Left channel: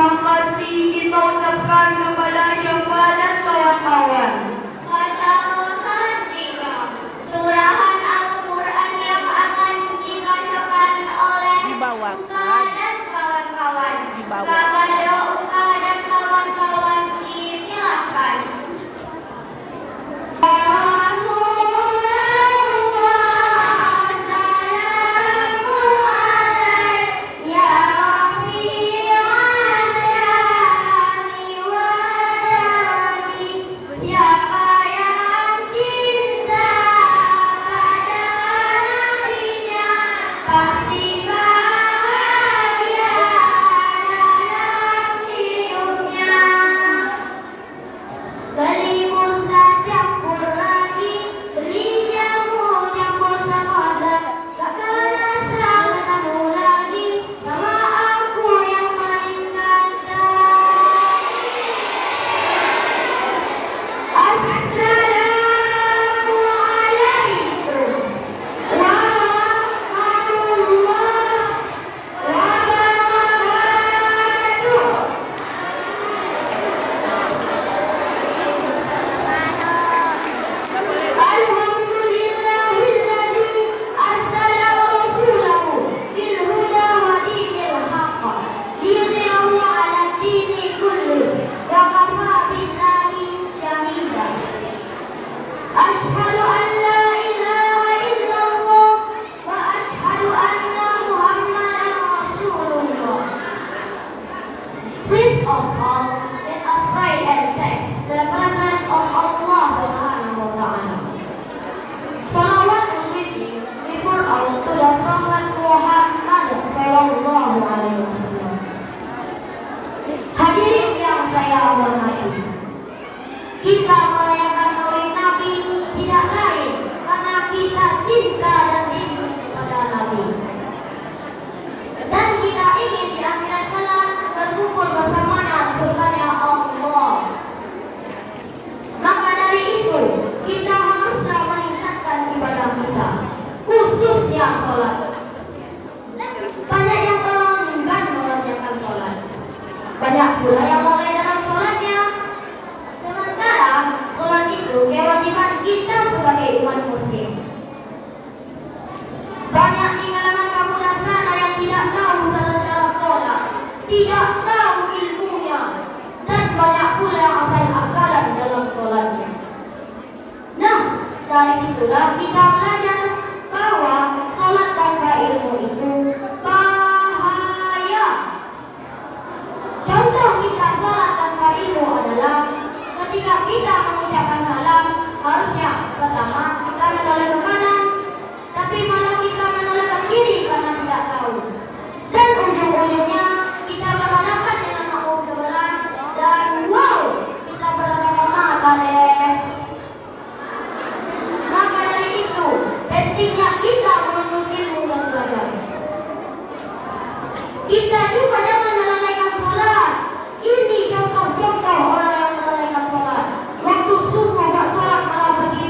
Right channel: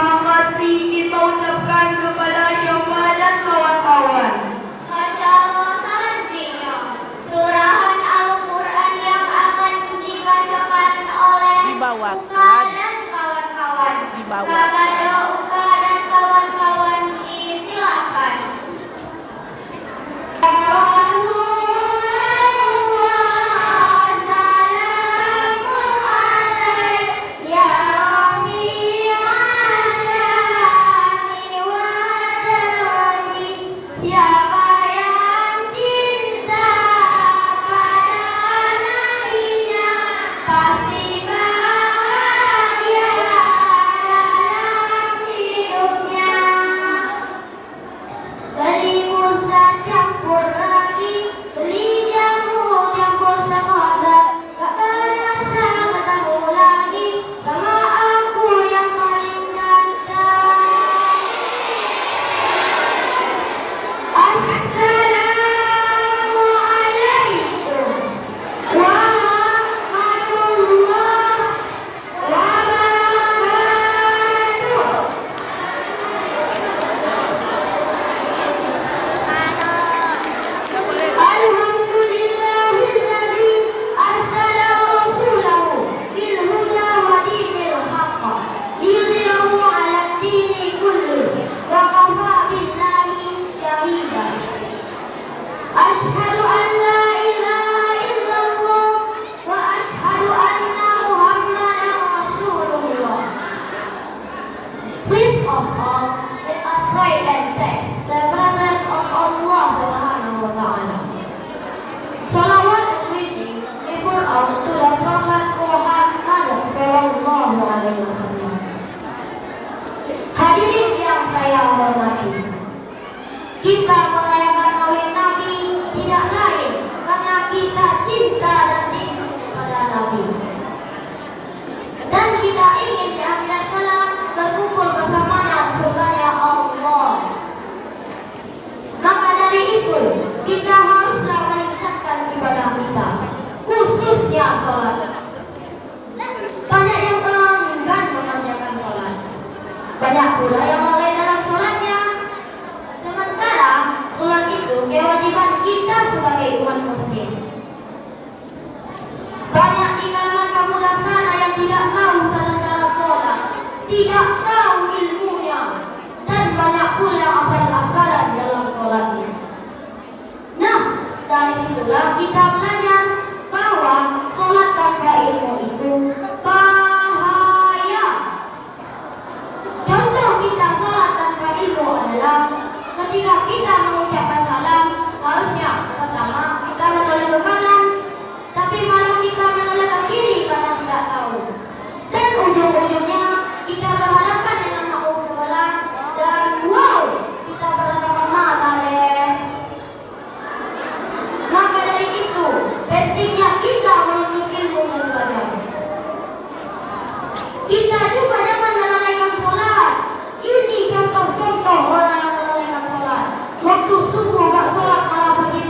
Terima kasih kita ucapkan kepada Syofa dan kawan-kawan. Kedaulatan dunia, surahan Al-Quran yang akan dibacakan oleh Uka dan kawan-kawan. Kepada Uka dan kawan-kawan disilakan. Please of all, let us pray and thank the presence of Allah Subhanahu wa Ta'ala. Salawat and greeting before out to the Prophet Muhammad Sallallahu Alaihi Wasallam. Hadirin yang saya hormati, kita merayakan Maulid Nabi tidak lain karena kita cinta dan rindu kepada Nabi. Dan kita ingin di akhirat kelak berkumpul bersamanya di surganya Allah. Maka dari itu kita haruslah meningkatkan ibadah kita, khususnya sholat. Banyak yang enggan mengerjakan sholat, banyak pula yang lalai dalam sholatnya. Sementara sholat itu kewajiban kita sebagai umat muslim. Banyak di kalangan pemuda sana yang tidak tahu cara sholat, tidak tahu ilmunya, dan banyak pula yang asal-asalan dalam sholatnya. Nah, dari itulah kita belajar bahwa sholat tanpa ilmu itu bahaya. Contoh kita sholat tanpa ilmu adalah ketika kita mengucapkan salam, harusnya pertama kita menoleh ke kanan, tapi malah kita menoleh ke kiri karena tidak tahu. Dan ujung-ujungnya kita berhadapan dengan makhluk sebelah dan wow, kita bertatapan mata deh. Maka dari itu pentingnya kita menuntut ilmu dan belajar. Kita juga jangan melalaikan sholat. Ini contoh-contoh orang yang melalaikan sholat. Waktu subuh gak sholat malah pergi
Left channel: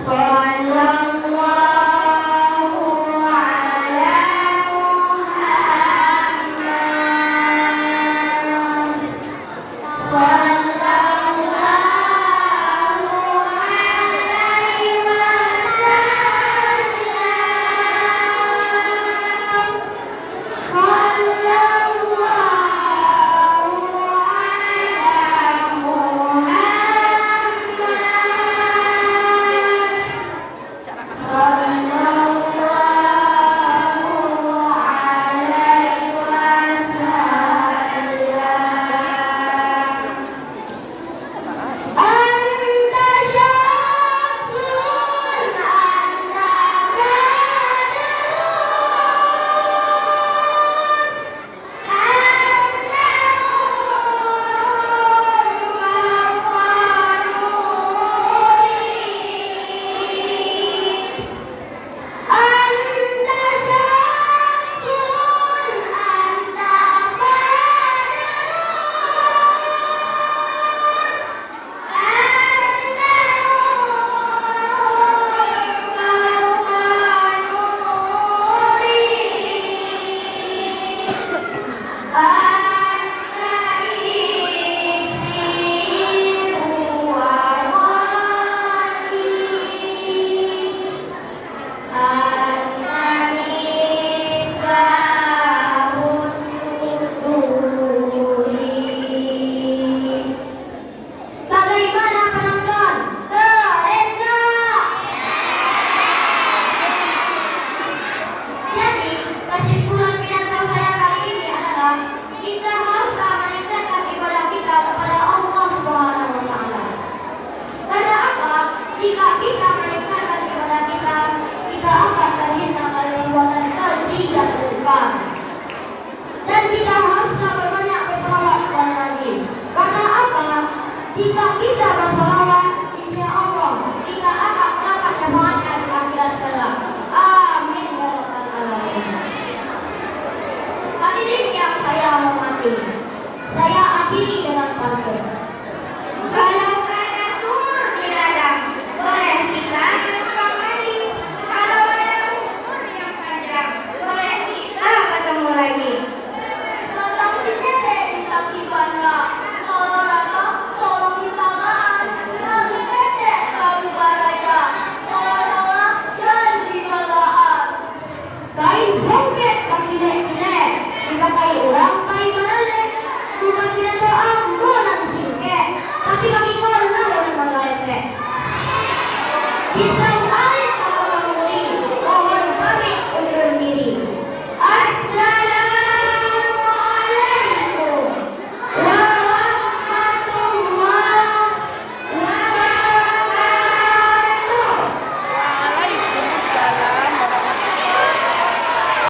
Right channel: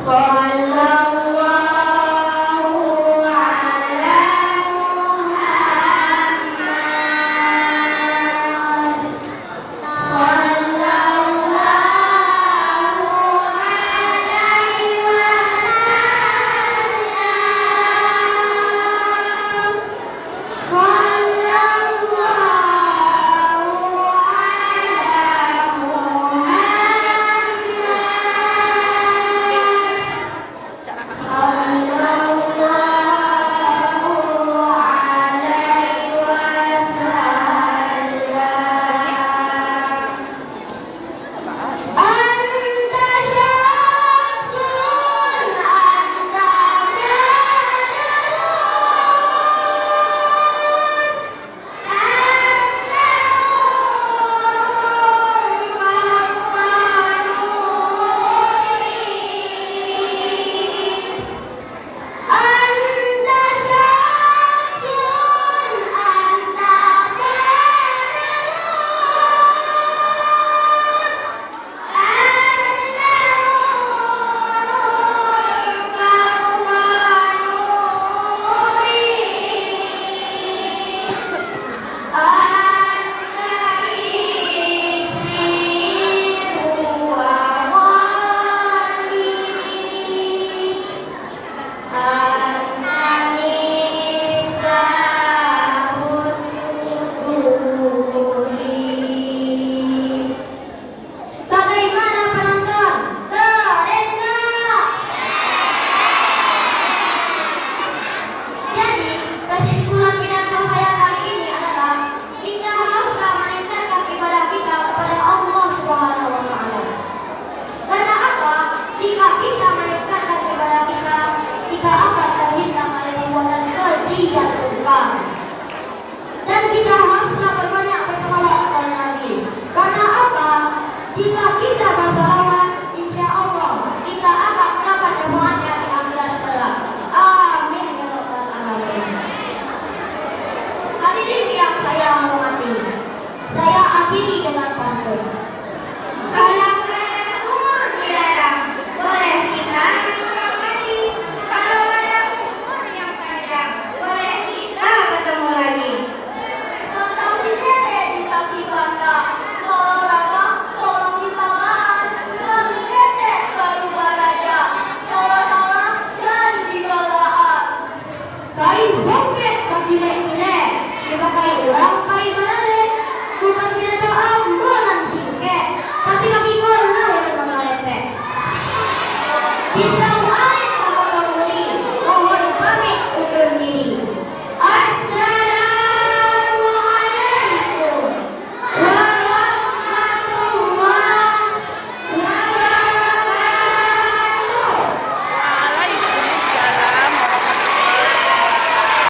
Sa